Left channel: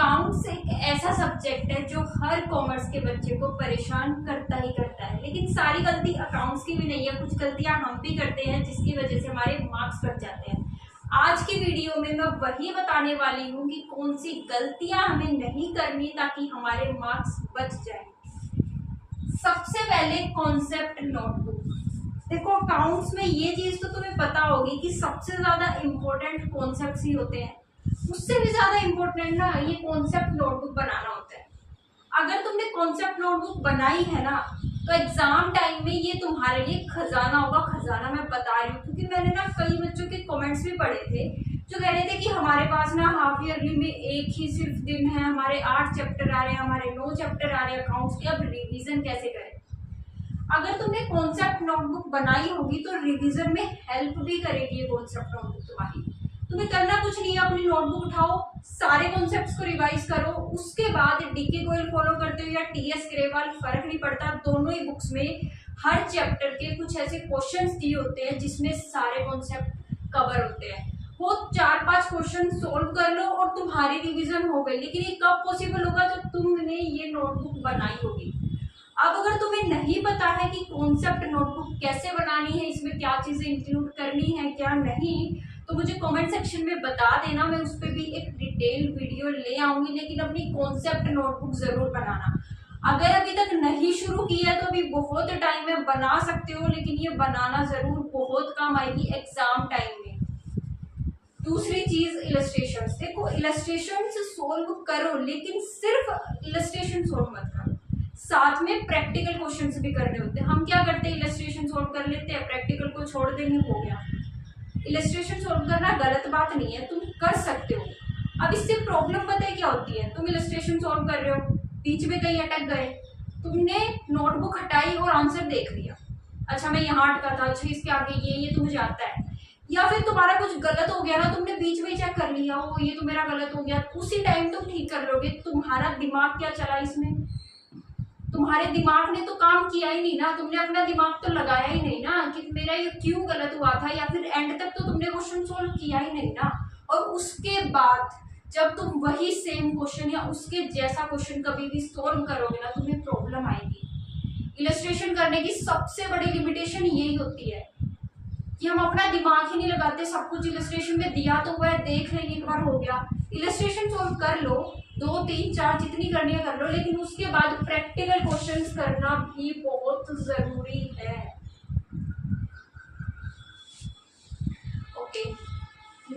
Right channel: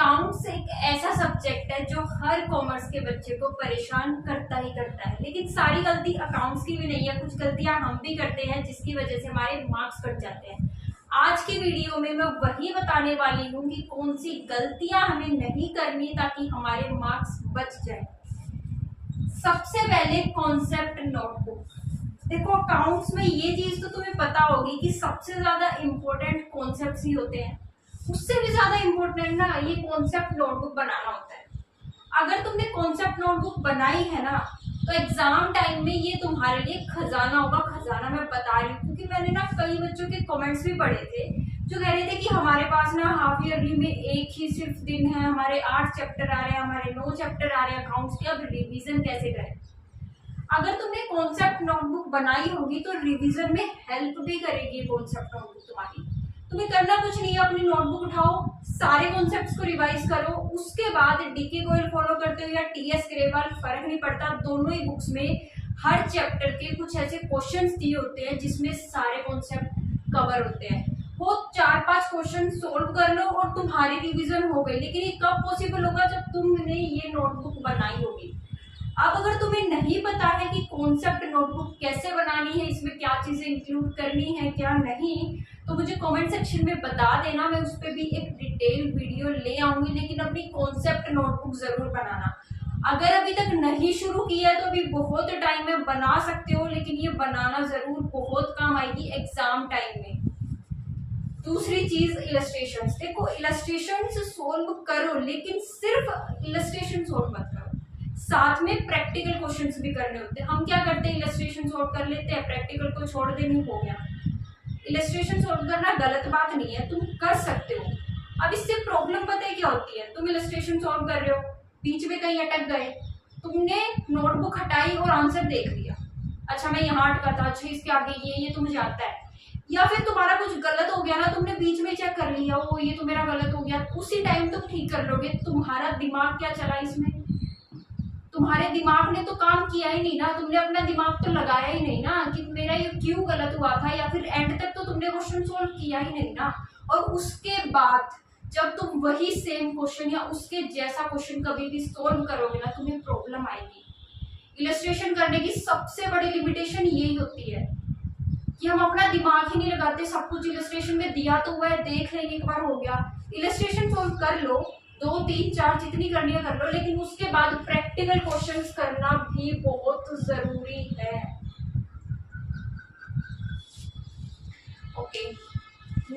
Accounts एक ऐसा subject है जो हर कॉमर्स के बच्चे को परेशान करता ही करता है, लेकिन सारी गलती अकाउंट्स की भी नहीं है। कुछ गलतियां हम भी करते हैं जिसकी वजह से हमारे मार्क्स कट जाते हैं। आज की वीडियो में मैं वही बताने वाली हूँ कि कौन सी गलतियां हमें नहीं करनी ताकि हमारे मार्क्स बच जाए। सबसे पहले कॉन्सेप्ट नोटबुक। देखो, अकाउंट्स में ये चीज तो तुम्हें पता होगी कि सबसे ज्यादा इम्पोर्टेंट कॉन्सेप्ट्स ही होते हैं। उससे भी ज्यादा इम्पोर्टेंट ना ये कॉन्सेप्ट नोटबुक बनाना होता है। अगर तुमने कॉन्सेप्ट नोटबुक बनाई है ना तो एग्जाम टाइम में ये तुम्हारे लिए खजाना होगा। खजाना मैं बता रही हूँ क्योंकि मैंने ना कई बच्चों के कमेंट्स भी पढ़े थे जो कह रहे थे कि हमारे पास ना हाफ ईयरली में एक ही सिर्फ दिन है, हमारे 8 चैप्टर आ रहे हैं, हमारे 9 चैप्टर आ रहे हैं अकाउंट्स के, अब रिवीजन कैसे करें। अगर तुमने कॉन्सेप्ट नोटबुक बनाई होगी तो रिवीजन में हेल्प भी करेगी कॉन्सेप्ट नोटबुक तुम्हारी। तुम्हें करना कुछ नहीं है, अपनी नोटबुक उठाओ, सारे कॉन्सेप्ट्स को रिवाइज करो, उसके बाद डीके गोयल फॉलो करते हो या टीएस ग्रेवाल, फर्क नहीं पड़ता। दोनों ही बुक्स में हर चैप्टर के कुछ ऐसे क्वेश्चंस दिए होते हैं जिसमें सारे कॉन्सेप्ट कवर होते हैं। वो 4-5 क्वेश्चन सोल्व कर लो और तुम्हारी रिवीजन हो गई। लेकिन ये कब पॉसिबल होगा? जब तुमने ये नोटबुक बनाई होगी। अब अगर तुम्हें नहीं पता है कि कॉन्सेप्ट नोटबुक कैसे बनानी है, इसमें क्या चीजें इंक्लूड करनी है क्या नहीं, तो मुझे कमेंट सेक्शन में बता देना। मैं उस पर भी एक डिटेल वीडियो ले आऊंगी। लेकिन अपनी कॉन्सेप्ट नोटबुक जरूर बनाना। अगर अभी तक नहीं शुरू किया है तो अभी बहुत टाइम है, बना सकते हो, लेकिन ये बनाना जरूर बहुत काम आएगी एग्जाम टाइम में। दूसरी चीज इलस्ट्रेशंस। देखो, इलस्ट्रेशंस सोल्व करो लेकिन सिर्फ इलस्ट्रेशन सोल्व मत करो, साथ में प्रैक्टिकल क्वेश्चंस भी करने होते हैं। हम क्या करते हैं, इलस्ट्रेशन सोल्व कर लेते हैं, प्रैक्टिकल को छोड़ देंगे, हो गया। इलस्ट्रेशन सोल्व करना गलत बात नहीं है, तुम कर सकते हो। अब इससे प्रॉब्लम पता है क्या होती है? तुम इलस्ट्रेशन सोल्व कर रहे हो, बीच में कहीं अटक गए, तुमने नोटबुक हटाई और आंसर देख लिया, अच्छा मैं यहाँ अटका था, अच्छा इसके आगे ये तो मुझे आता है। या फिर तुम्हारा कुछ गलत हो गया ना, तुमने बीच में चेक कर लिया, वो ये तो मेरा गलत हो गया, उसी टाइम तुम ठीक कर लोगे। तुम्हारा दिमाग क्या चला इसमें? तुम्हारे दिमाग ने तो काम किया ही नहीं ना, तुमने अपना दिमाग तो लगाया ही नहीं ना कि मेरा ये क्यों गलत हुआ था, या फिर एंड तक तो तुमने क्वेश्चन सोल्व किया ही नहीं ना। और उसके बाद जब तुम वही सेम क्वेश्चन या उसके जैसा क्वेश्चन कभी भी सोल्व करोगे ना, तुम्हें प्रॉब्लम आएगी। इलस्ट्रेशन करने की सबसे बड़ी लिमिटेशन यही होती है कि हम अपना दिमाग ही नहीं लगाते। सब कुछ इलस्ट्रेशन में दिया तो हुआ है, देख लेंगे, एक बार हो गया। इलस्ट्रेशन सोल्व कर लो, 2, 3, 4 जितनी करनी है कर लो, लेकिन उसके बाद प्रैक्टिकल क्वेश्चंस करना भी बहुत जरूरी है। ओके,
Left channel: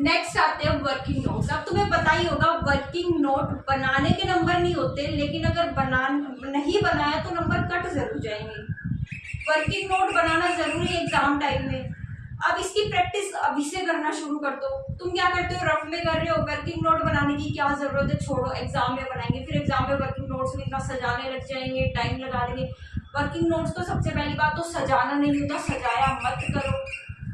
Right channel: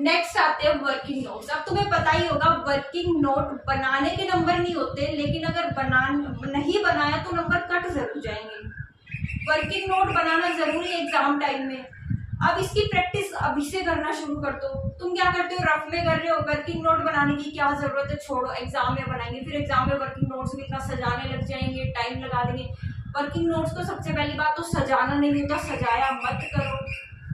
नेक्स्ट आते हैं वर्किंग नोट्स। अब तुम्हें पता ही होगा वर्किंग नोट बनाने के नंबर नहीं होते, लेकिन अगर नहीं बनाया तो नंबर कट जरूर जाएंगे। वर्किंग नोट बनाना जरूरी है एग्जाम टाइम में। अब इसकी प्रैक्टिस अभी से करना शुरू कर दो। तुम क्या करते हो, रफ में कर रहे हो, वर्किंग नोट बनाने की क्या जरूरत है, छोड़ो, एग्जाम में बनाएंगे। फिर एग्जाम में वर्किंग नोट्स में इतना सजाने लग जाएंगे, टाइम लगा देंगे। वर्किंग नोट्स तो सबसे पहली बात तो सजाना नहीं होता, सजाया मत करो।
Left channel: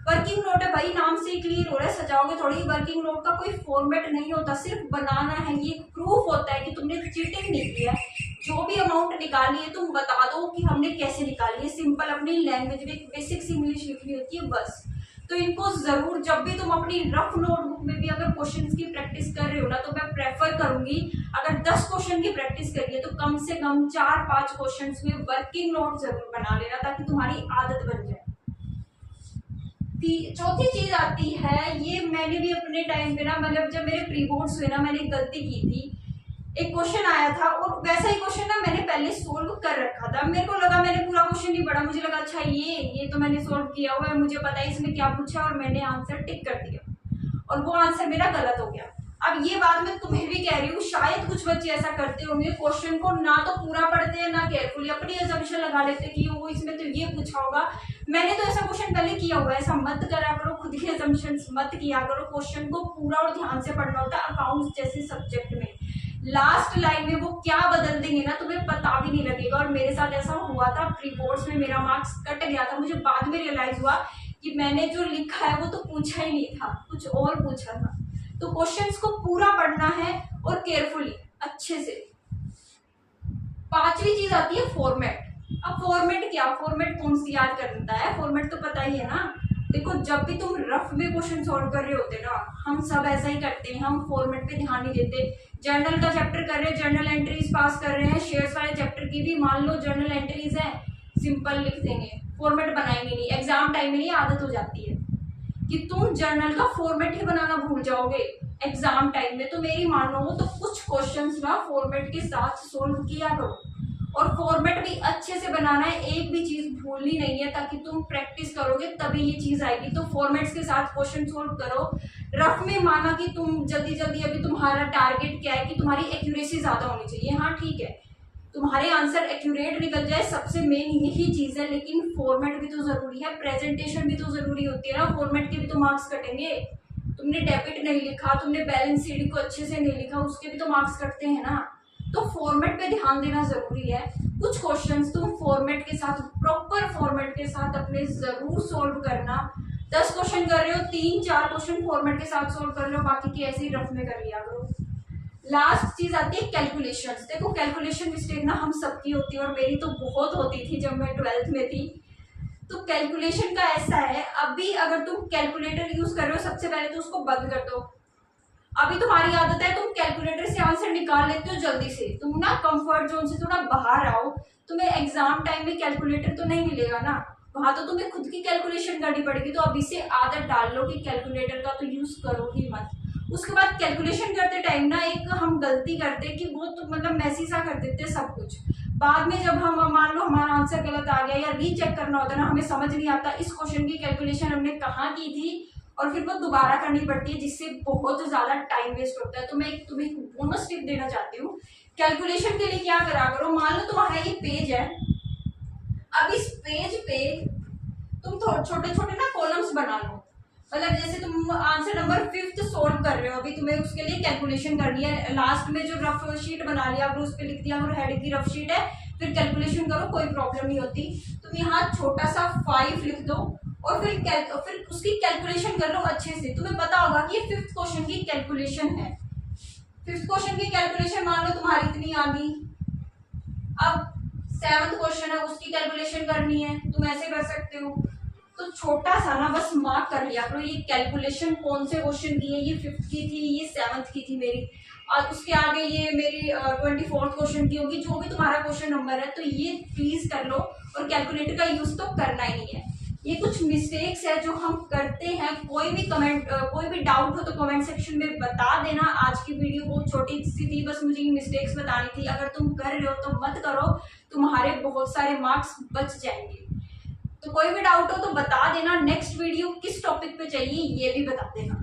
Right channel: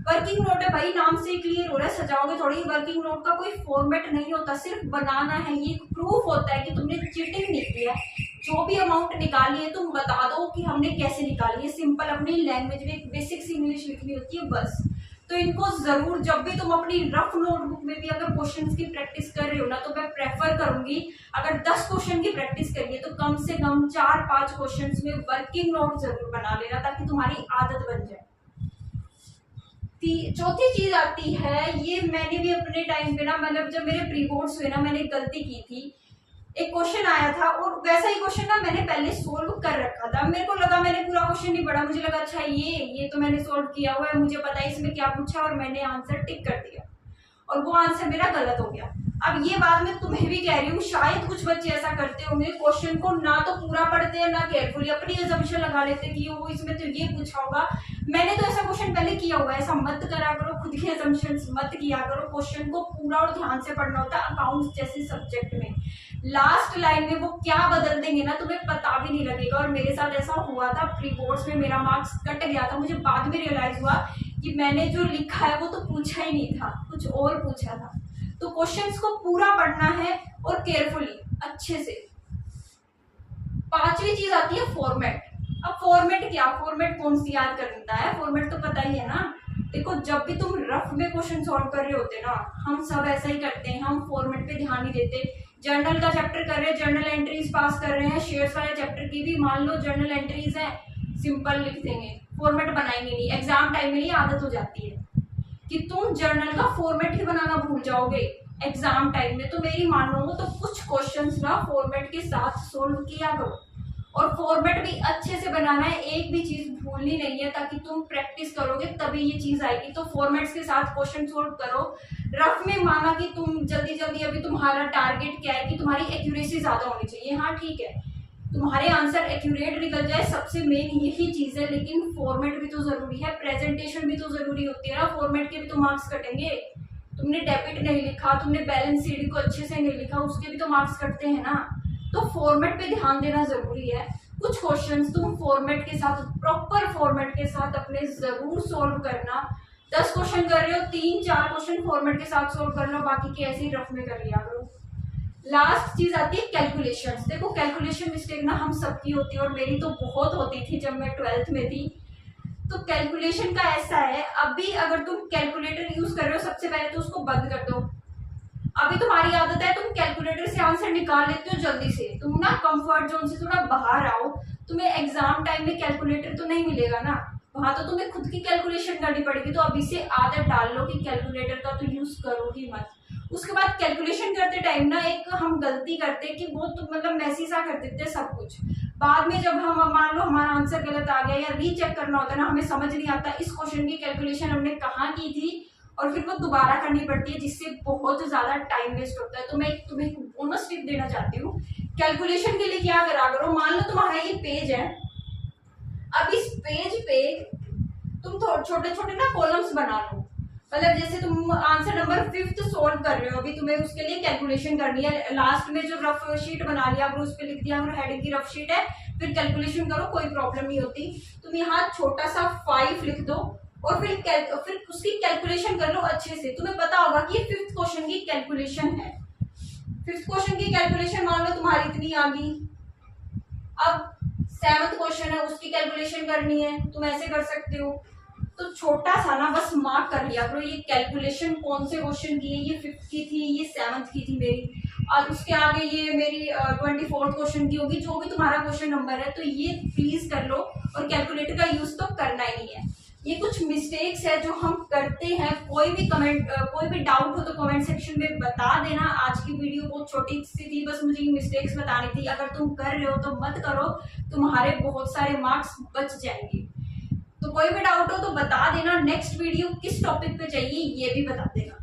वर्किंग नोट है भाई, नाम से क्लियर हो रहा है, सजाओगे थोड़ी। वर्किंग नोट का कोई फॉर्मेट नहीं होता, सिर्फ बनाना है। ये प्रूफ होता है कि तुमने चीटिंग नहीं किया। जो भी अमाउंट निकाली है तुम बता दो कि हमने कैसे निकाली है। सिंपल अपनी लैंग्वेज में बेसिक्स इंग्लिश लिखनी होती है बस। तो इनको जरूर, जब भी तुम अपनी रफ नोटबुक में भी अगर क्वेश्चंस की प्रैक्टिस कर रहे हो ना, तो मैं प्रेफर करूंगी अगर 10 क्वेश्चन की प्रैक्टिस करिए तो कम से कम 4-5 क्वेश्चंस में वर्किंग नोट जरूर बना लेना ताकि तुम्हारी आदत बन जाए। चौथी चीज आती है, ये मैंने भी अपने टाइम पे ना, मतलब जब मेरे प्री बोर्ड्स हुए ना, मैंने गलती की थी। एक क्वेश्चन आया था और वैसा ही क्वेश्चन ना मैंने पहले सोल्व कर रखा था। मेरे को लगा, मैंने पूरा क्वेश्चन नहीं पढ़ा, मुझे लगा अच्छा ये तो मैंने सोल्व किया हुआ है, मुझे पता है इसमें क्या पूछा, और मैंने आंसर टिक कर दिया और वो आंसर मेरा गलत हो गया। अब ये बात मैं तुम्हें भी कह रही हूँ, शायद कुछ बच्चे ऐसा करते होंगे, क्वेश्चन को ना तो पूरा पढ़ते हैं ना केयरफुली, अपनी अजम्पशन लगा लेते हैं कि वो इसमें तो ये पूछा होगा। मैंने तो ऐसा क्वेश्चन पहले किया हुआ है। ऐसा मत करा करो, खुद की अजम्पशंस मत किया करो। क्वेश्चन को पूरा और ध्यान से पढ़ना होता है। अकाउंट्स जैसे सब्जेक्ट में लास्ट लाइन में वो क्या बदल देंगे ना, तुम्हें पता भी नहीं लगेगा। और मेरे साथ ऐसा हुआ था, प्री बोर्ड्स में मेरा मार्क्स कट गया था। मुझे बाद में रियलाइज हुआ कि मैंने जो लिखा है वो तो पूछा ही नहीं था, कुछ और पूछा था। तो क्वेश्चंस को पूरा पढ़ना है और केयरफुली, अच्छे से। 5वीं चीज आती है फॉर्मेट। अब फॉर्मेट क्या, फॉर्मेट कौन सी याद करता है, फॉर्मेट तो पता ही है ना। देखो, जब भी तुम रफ में क्वेश्चन सॉल्व कर रहे होते ना, हम सब ऐसा ही करते हैं, हम फॉर्मेट पे ध्यान नहीं देते। जर्नल का चैप्टर कर रहे हैं, जर्नल एंट्रीज पास कर रहे हैं, शेयर्स वाले चैप्टर की भी मान लो जर्नल एंट्रीज है, सिंपल लिख देंगे, फॉर्मेट बनाएंगे नहीं। एग्जाम टाइम में नहीं आदत हो जाती है कि तुम जर्नल का फॉर्मेट ही बनाना भूल जाओगे एग्जाम टाइम में। तो मेरी मानो तो कुछ क्वेश्चंस ना फॉर्मेट के साथ सोल्व किया करो, और फॉर्मेट भी अच्छे से बनाना है, एक भी चीज भूलनी नहीं है, ताकि तुम प्रैक्टिस करोगे तभी ये चीज आएगी। तो फॉर्मेट्स के साथ क्वेश्चन सोल्व करो। रफ में माना कि तुम जल्दी जल्दी, अभी तुम्हारा टारगेट क्या है कि तुम्हारी एक्यूरेसी ज्यादा होनी चाहिए, हाँ ठीक है, तुम्हारे आंसर एक्यूरेट निकल जाए, सबसे मेन यही चीज है, लेकिन फॉर्मेट भी तो जरूरी है, प्रेजेंटेशन भी तो जरूरी होती है ना, फॉर्मेट के भी तो मार्क्स कटेंगे। तुमने डेबिट नहीं लिखा, तुमने बैलेंस शीट को अच्छे से नहीं लिखा, उसके भी तो मार्क्स कटते हैं ना। तो फॉर्मेट पे ध्यान देना जरूरी है। कुछ क्वेश्चंस तुम फॉर्मेट के साथ, प्रॉपर फॉर्मेट के साथ अपने जरूर सोल्व करना। 10 क्वेश्चन कर रहे हो, 3-4 क्वेश्चन फॉर्मेट के साथ सोल्व कर लो, बाकी के ऐसे ही रफ में कर लिया करो। लास्ट चीज आती है कैलकुलेशंस। देखो कैलकुलेशन मिस्टेक ना हम सबकी होती है, और मेरी तो बहुत होती थी जब मैं 12th में थी। तो कैलकुलेशन का ऐसा है, अभी अगर तुम कैलकुलेटर यूज कर रहे हो, सबसे पहले तो उसको बंद कर दो। अभी तुम्हारी आदत है तुम कैलकुलेटर से आंसर निकाल लेते हो जल्दी से, तुम ना कंफर्ट जोन से थोड़ा बाहर आओ। तुम्हें एग्जाम टाइम में कैलकुलेटर तो नहीं मिलेगा ना, वहां तो तुम्हें खुद की कैलकुलेशन करनी पड़ेगी। तो अभी से आदत डाल लो कि कैलकुलेटर का तो यूज करो ही मत। उसके बाद कैलकुलेशन करते टाइम ना एक हम गलती करते कि वो तो मतलब मैसी सा कर देते सब कुछ। बाद में जब हम मान लो हमारा आंसर गलत आ गया या रीचेक करना होता है ना, हमें समझ नहीं आता इस क्वेश्चन की कैलकुलेशन हमने कहाँ की थी, और फिर वो दोबारा करनी पड़ती है, जिससे बहुत ज्यादा टाइम वेस्ट होता है। तो मैं तुम्हें बोनस टिप देना चाहती हूँ, कैलकुलेशन के लिए क्या करा करो। मान लो तुम्हारा ये पेज है, अब इस पेज पे तुम छोटे छोटे ना कॉलम्स बना लो। मतलब जैसे तुम आंसर नंबर 5th सोल्व कर रहे हो, अभी तुम्हें उसके लिए कैलकुलेशन करनी है। लास्ट में जो रफ शीट बना लिया, अगर उस पर लिख दिया अगर हेडिंग की रफ शीट है, फिर कैलकुलेशन करो, कोई प्रॉब्लम नहीं होती। तुम यहाँ छोटा सा 5 लिख दो, और फिर उसकी कैलकुलेशन कर लो अच्छे से। तुम्हें पता होगा कि ये 5th क्वेश्चन की कैलकुलेशन है। 5th क्वेश्चन की कैलकुलेशन मान लो तुम्हारी इतनी आ गई। अब 7th क्वेश्चन है, उसकी कैलकुलेशन करनी है, तुम ऐसे कर सकते हो। तो छोटा सा ना बस मार्क कर लिया करो, ये कैलकुलेशन कौन से क्वेश्चन की है, ये 5th की थी, ये 7th की थी मेरी, और उसके आगे ये मेरी 24th क्वेश्चन की होगी, जो भी तुम्हारा क्वेश्चन नंबर है। तो ये प्लीज कर लो, और कैलकुलेटर का यूज तो करना ही नहीं है। ये कुछ मिस्टेक्स है जो हम करते हैं। कोई भी डाउट हो तो कमेंट सेक्शन में बता देना। आज की वीडियो बहुत छोटी सी थी, बस मुझे ये मिस्टेक्स बतानी थी। अगर तुम कर रहे हो तो मत करो, तुम्हारे बहुत सारे मार्क्स बच जाएंगे। तो कोई भी डाउट हो तो बता देना। नेक्स्ट वीडियो किस टॉपिक पे चाहिए ये भी बता देना।